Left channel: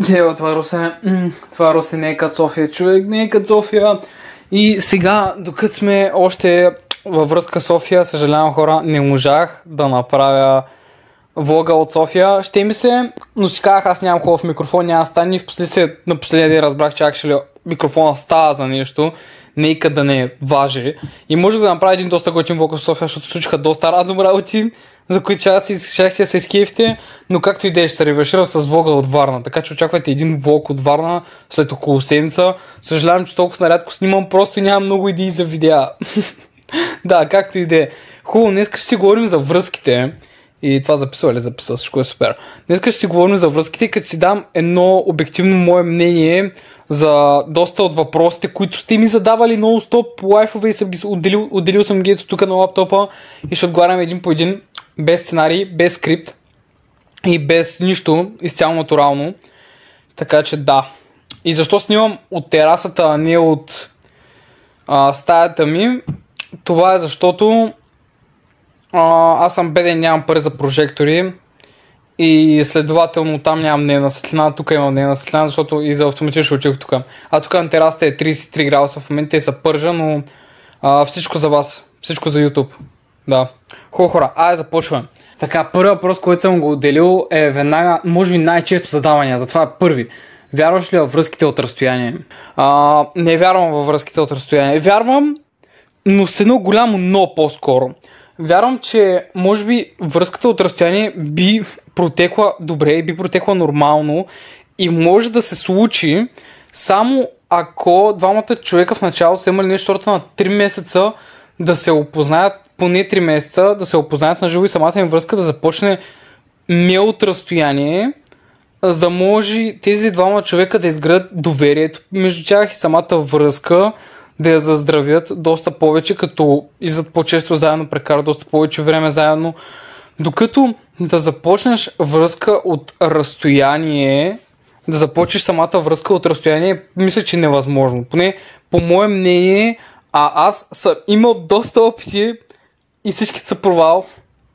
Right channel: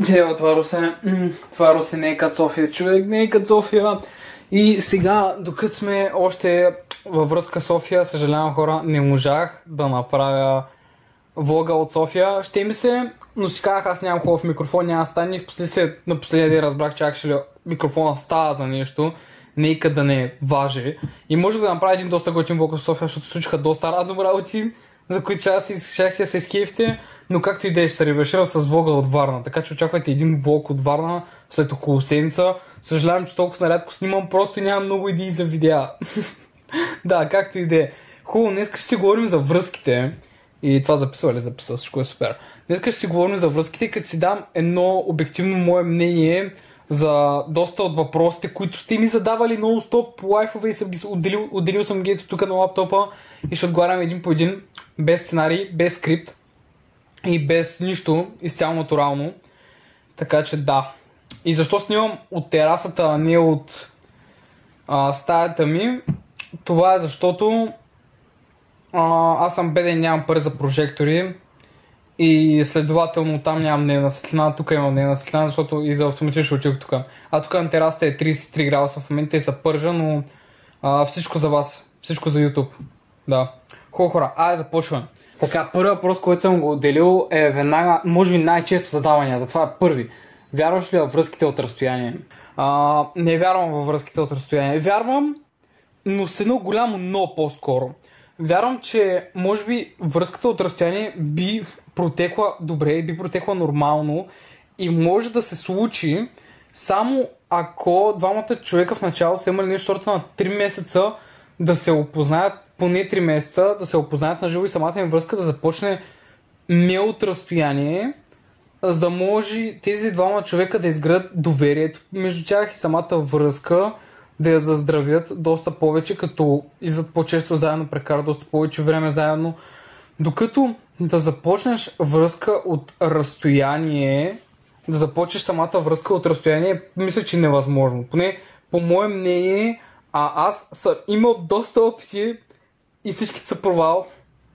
Дева, това Русе не е като София, човек, не е като София. И сега, докато сме още във връзка София, съжалявам хора, не можах да направя влога от София. Ще ми се, но си казах, аз нямам хубав микрофон, няма стане и впоследствие на последния ден разбрах, че actually микрофона става за нещо, нека да не важи. И можех да направя един доста готин влог в София, защото случиха доста радом работи, за които щяхте да се изкефте, но както и да е, ще се ревърширам с влога от Варна, така че очаквайте един влог от Варна след около седмица. Съжалявам, че толкова нарядко снимам, просто нямам много идеи за видеа. Да, както и да е. Хубаво, днес ще си говорим за връзките. И това записва, всичко е супер. Днес ще си говорим за връзките, като си дам едно обективно мое мнение за доста от въпросите, които сте ми задавали нон-стоп лайфове и съм отделил съм ги ето тук на лаптопа и ще отговарям един по един, без сценарий, без скрипт и без нищо, изцяло натурално. Така че да. И защо снимам от терасата, а не от стаята ми? Това е защото аз съм беден, нямам пари за прожектори и следователно там нямам дневна светлина, тук имам дневна светлина, защото и за автоматично учих тук. А тук на терасата е 33 градуса в момента и са пържа, но всичко за вас, всичко за YouTube. Да. Хубаво хора, айде започваме. Така, първият въпрос, който съм го отделил е веднага, може би най-често задавания, затова е първи. Вярваш ли във връзките от разстояние? Не вярвам във връзките от разстояние. Вярвам, но с едно голямо но по-скоро. Вярвам, че може би връзката от разстояние би протекла добре, би протекла нормално и може да се случи само ако двамата човека в началото са имали нещо на 3 месеца да се опознаят, поне 3 месеца да се опознаят на живо и самата им връзка да започне не от разстояние, за да може тези двама човека да изградят доверието между тях и самата връзка да я заздравят доста повече, като излизат по-често заедно, прекарат доста повече време заедно. Докато да започнеш връзка от разстояние, да започнеш самата връзка от разстояние, мисля, че е невъзможно. Поне по мое мнение, аз съм имал доста опити и всички са провал.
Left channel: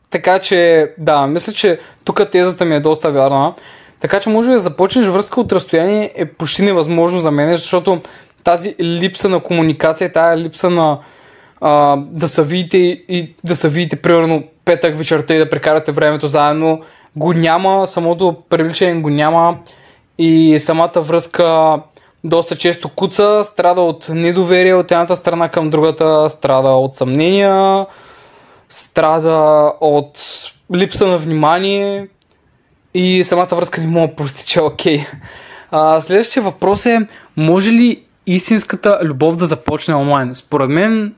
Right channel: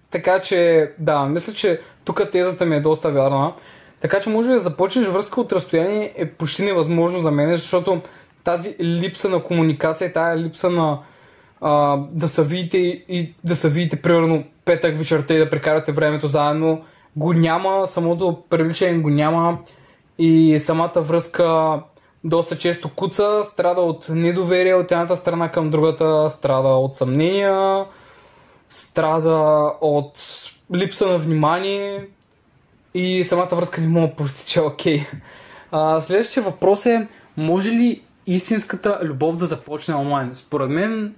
Така че, да, мисля, че тук тезата ми е доста вярна. Така че може да започнеш връзка от разстояние е почти невъзможно за мен, защото тази липса на комуникация, тази липса на да се видите и да се видите примерно петък вечерта и да прекарате времето заедно, го няма, самото привличане го няма и самата връзка доста често куца, страда от недоверие от едната страна към другата, страда от съмнения, страда от липса на внимание и самата връзка не може да протече окей. Следващия въпрос е, може ли истинската любов да започне онлайн? Според мен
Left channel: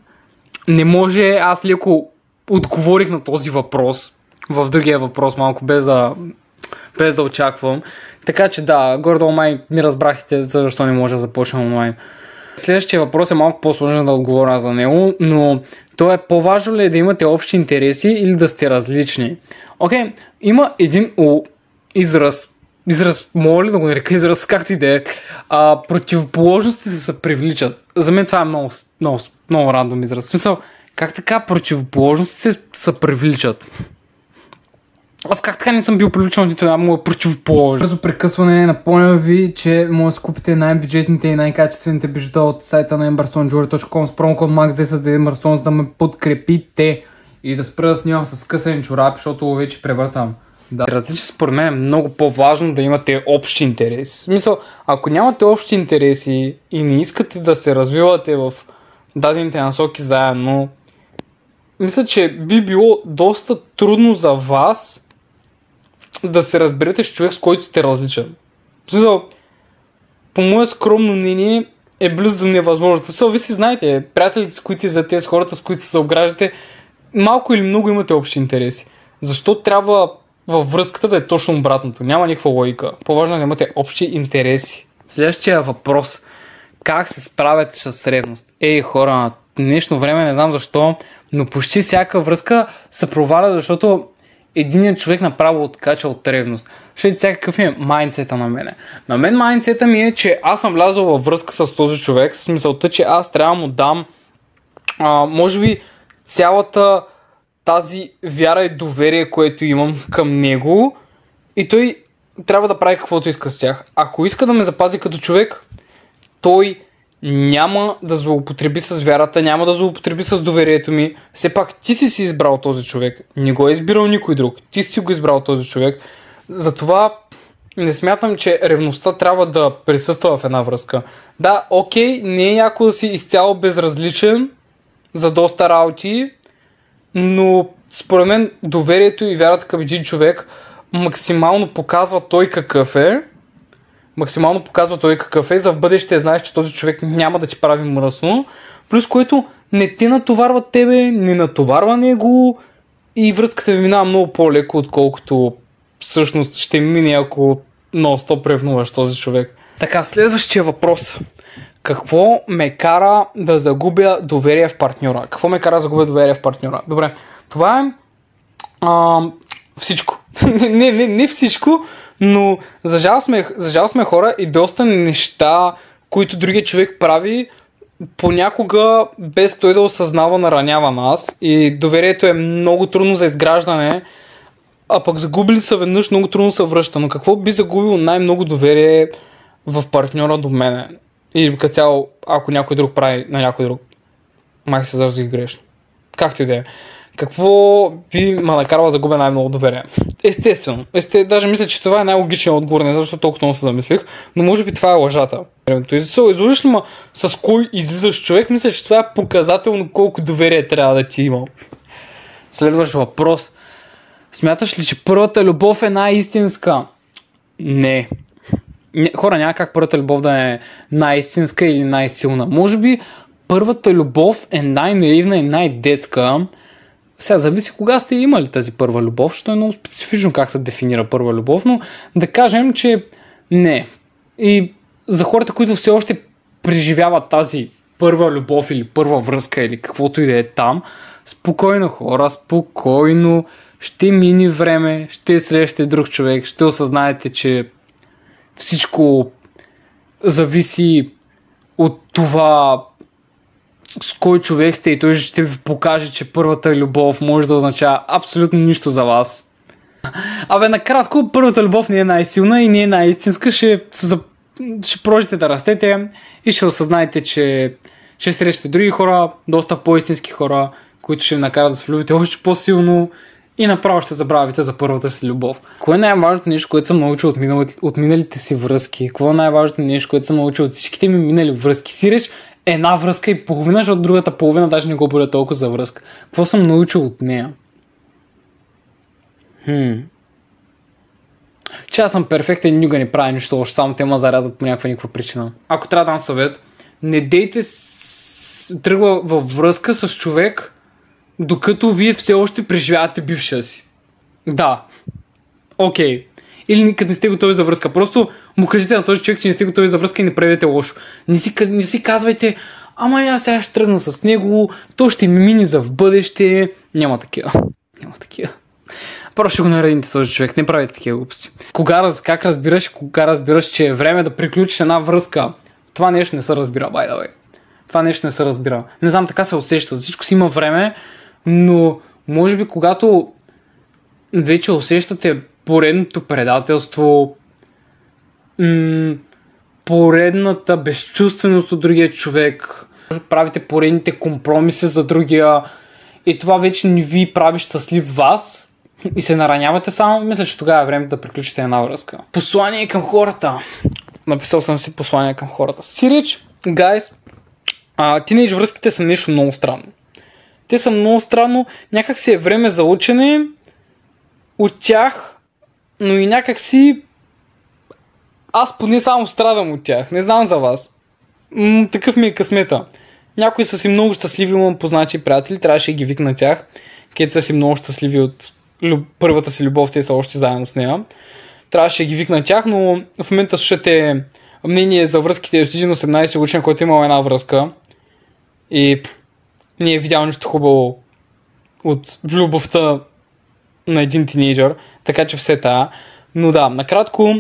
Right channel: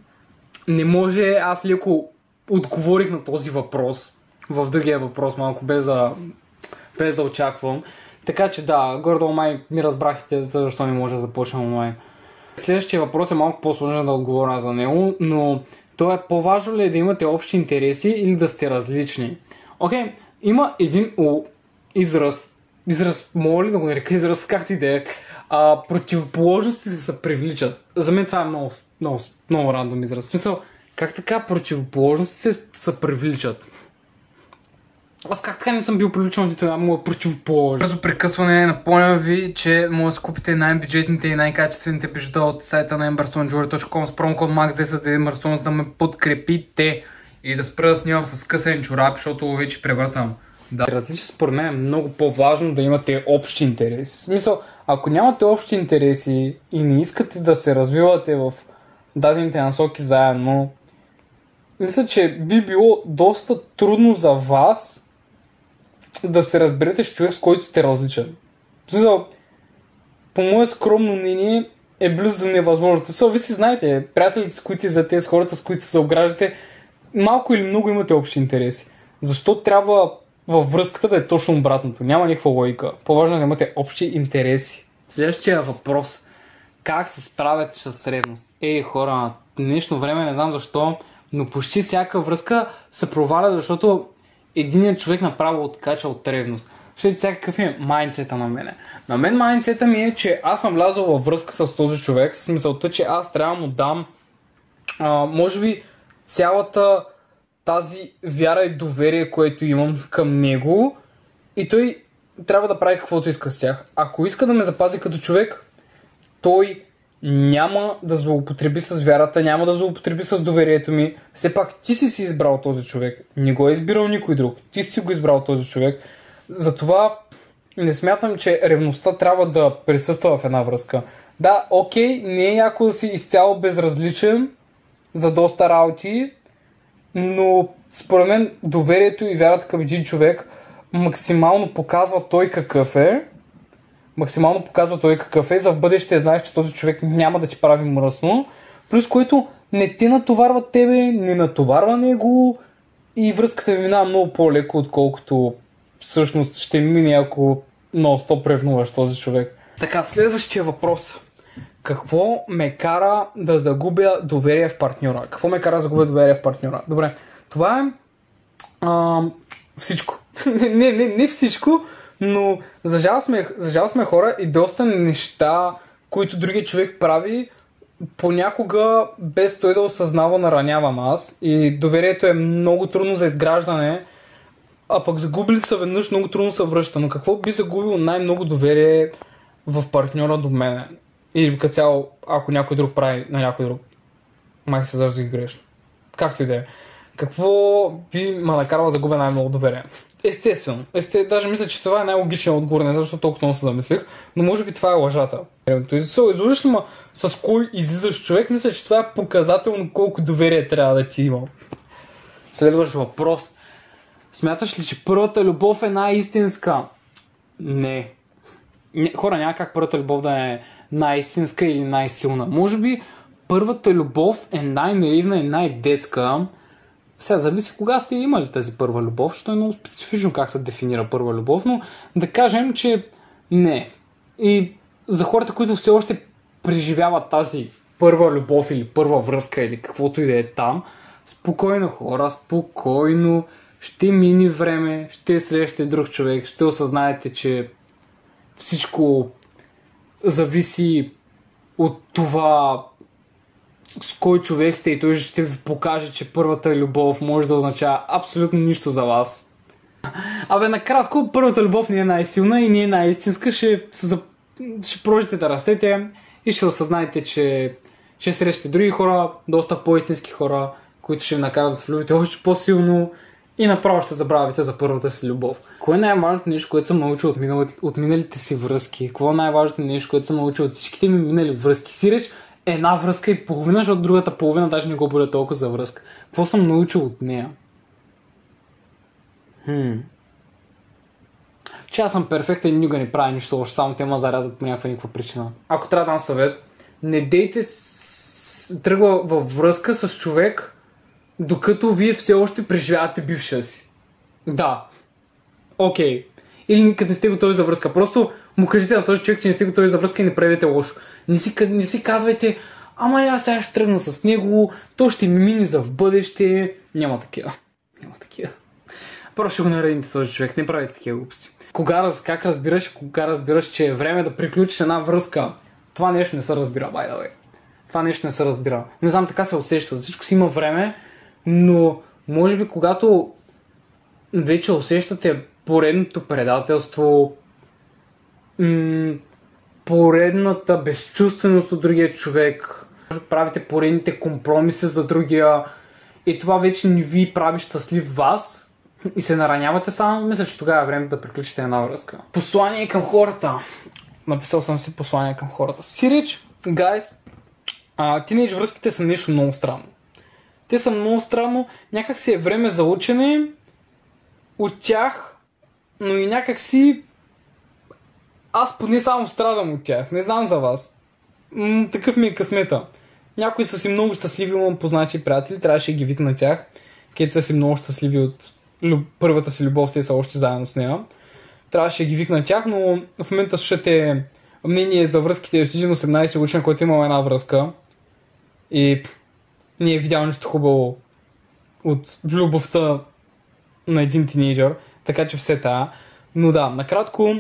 не може. Аз леко отговорих на този въпрос в другия въпрос малко без да очаквам. Така че да, горе-долу май ми разбрахте защо не може да започне онлайн. Следващия въпрос е малко по-сложен да отговоря за него, но то е по-важно ли е да имате общи интереси или да сте различни? Окей, има един израз, мога ли да го нарека израз, както и да е, противоположностите се привличат. За мен това е много рандом израз. В смисъл, как така противоположностите се привличат? Аз как така не съм бил привличан от нито една моя противоположност? Бързо прекъсване, напомням ви, че може да купите най-бюджетните и най-качествените бижута от сайта на emberstonejewelry.com с промокод MAX10 за Emberstone, за да ме подкрепите и да спра да снимам с късани чорапи, защото вече превъртам. Да. Различен според мен е много по-важно да имате общи интереси. В смисъл, ако нямате общи интереси и не искате да се развивате в дадените насоки заедно, мисля, че би било доста трудно за вас да се разберете с човек, с който сте различен. В смисъл, по мое скромно мнение е близо до невъзможно. Вие си знаете, приятелите, с които за тези хората, с които се обграждате, малко или много имате общи интереси. Защо трябва във връзката да е точно обратното? Няма никаква логика. По-важно е да имате общи интереси. Следващия въпрос. Как се справяте с ревност? Хора, на днешно време не знам защо, но почти всяка връзка се проваля, защото единият човек направо откача от ревност. Защото сега какъв е майндсета на мене? На мен майндсета ми е, че аз съм влязъл във връзка с този човек, с мисълта, че аз трябва да му дам може би цялата тази вяра и доверие, което имам към него, и той трябва да прави каквото иска с тях. Ако иска да ме запази като човек, той няма да злоупотреби с вярата, няма да злоупотреби с доверието ми. Все пак ти си избрал този човек. Не го е избирал никой друг. Ти си го избрал този човек. Затова не смятам, че ревността трябва да присъства в една връзка. Да, окей, не е яко да си изцяло безразличен за доста работи, но според мен доверието и вярата към един човек максимално показва той какъв е. За в бъдеще знаеш, че този човек няма да ти прави мръсно, плюс което не те натоварва тебе, не натоварва него и връзката ви минава много по-леко, отколкото всъщност ще мине, ако нон-стоп ревнуваш този човек. Така, следващия въпрос. Какво ме кара да загубя доверие в партньора? Добре, това е всичко. не всичко, но за жал сме хора и доста неща, които другият човек прави, понякога без той да осъзнава, наранява нас и доверието е много трудно за изграждане, а пък загубили са веднъж, много трудно се връща. Но какво би загубил най-много доверие в партньора до мене? Или като цяло, ако някой друг прави на някой друг, май се зажи грешно. Както и да е. Какво би ме накарало да загубя най-много доверие? Естествено. Даже мисля, че това е най-логичният отговор, не защото толкова много се замислих, но може би това е лъжата. Излъжиш ли ма с кой излизаш човек, мисля, че това е показателно колко доверие трябва да ти има. Следващ въпрос. Смяташ ли, че първата любов е най-истинска? Не. Хора, няма как първата любов да е най-истинска или най-силна. Може би първата любов е най-наивна и най-детска. Сега зависи кога сте имали тази първа любов, защото е много специфично как се дефинира първа любов, но да кажем, че не. И за хората, които все още преживяват тази първа любов или първа връзка или каквото и да е там, спокойно хора, спокойно, ще мине време, ще срещате друг човек, ще осъзнаете, че всичко зависи от това с кой човек сте и той ще ви покаже, че първата любов може да означава абсолютно нищо за вас. Накратко, първата любов не е най-силна и не е най-истинска, ще продължите да растете и ще осъзнаете, че ще срещате други хора, доста по-истински хора, които ще ви накарат да се влюбите още по-силно и направо ще забравите за първата си любов. Кое е най-важното нещо, което съм научил от миналите си връзки? Какво е най-важното нещо, което съм научил от всичките ми минали връзки? Сиреч една връзка и половина, защото другата половина даже не го бъде толкова за връзка. Какво съм научил от нея? Че аз съм перфектен и никога не правя нищо, още само те ме зарязват по някаква причина. Ако трябва да дам съвет, не дейте тръгва във връзка с човек, докато вие все още преживявате бившия си. Да. Окей. Или никъде не сте готови за връзка. Просто му кажете на този човек, че не сте готови за връзка и не правете лошо. Не си казвайте, аз сега ще тръгна с него, то ще ми мини за в бъдеще. Няма такива. Просто ще го наредите този човек, не правите такива глупости. Как разбираш, че е време да приключиш една връзка? Това нещо не се разбира, by the way. Това нещо не се разбира. Не знам, така се усеща. За всичко си има време, но може би когато вече усещате поредното предателство, поредната безчувственост от другия човек, правите поредните компромиси за другия и това вече не ви прави щастлив вас и се наранявате само, мисля, че тогава е време да приключите една връзка. Послание към хората. Написал съм си послание към хората. Сиреч, guys, тинейдж връзките са нещо много странно. Те са много странно, някак си е време за учене от тях, но и някак си аз поне само страдам от тях. Не знам за вас. Такъв ми е късмета. Някои са си много щастливи, имам познати приятели, трябваше да ги викна тях, където са си много щастливи от първата си любов, те са още заедно с нея. Трябваше да ги викна тях, но в момента слушате мнение за връзките от един 18 годишен, който имал една връзка и не е видял нищо хубаво от любовта на един тинейджър, така че все тая. Но да, накратко,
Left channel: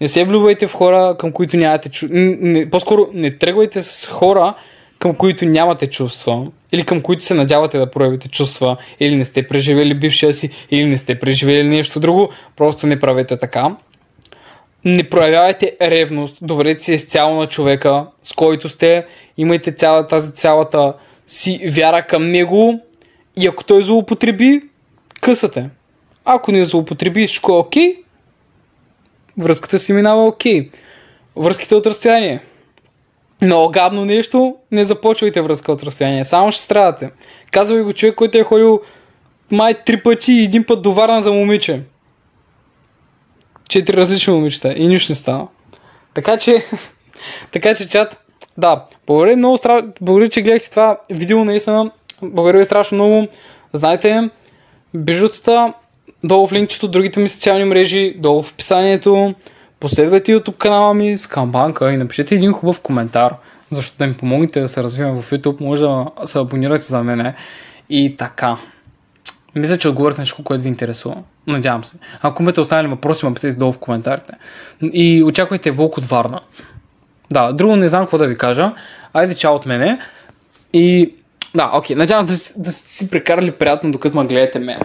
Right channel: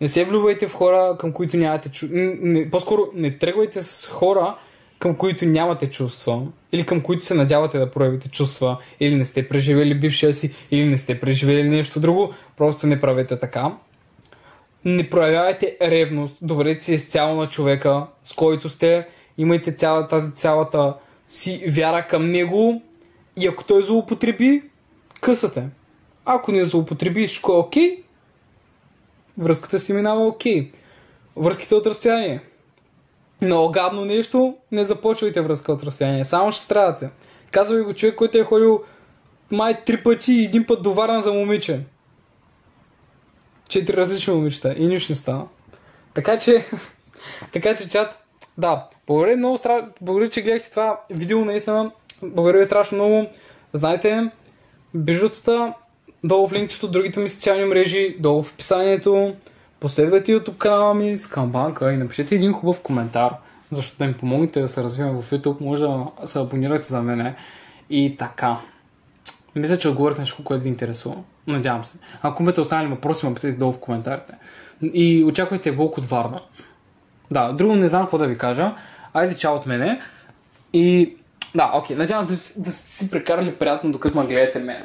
не се влюбвайте в хора, към които нямате чувства. По-скоро не тръгвайте с хора, към които нямате чувства, или към които се надявате да проявите чувства, или не сте преживели бившия си, или не сте преживели нещо друго, просто не правете така. Не проявявайте ревност, доверете се изцяло на човека, с който сте, имайте цялата си вяра към него и ако той злоупотреби, късате. Ако не злоупотреби, всичко е окей, връзката си минава окей. Връзките от разстояние. Много гадно нещо, не започвайте връзка от разстояние, само ще страдате. Казва ви го човек, който е ходил май 3 пъти и 1 път до Варна за момиче. 4 различни момичета и нищо не става. Така че, чат, да, благодаря, че гледахте това видео, наистина, благодаря ви страшно много. Знаете, бижутата, долу в линкчето, другите ми социални мрежи, долу в описанието, последвайте YouTube канала ми с камбанка и напишете един хубав коментар, защото да ми помогнете да се развивам в YouTube, може да се абонирате за мене и така. Мисля, че отговорих на всичко, което ви интересува. Надявам се. Ако имате останали въпроси, ме питайте долу в коментарите. И очаквайте влог от Варна. Да, друго не знам какво да ви кажа. Айде, чао от мене. И да, окей, надявам се да си прекарали приятно, докато ме гледате мене.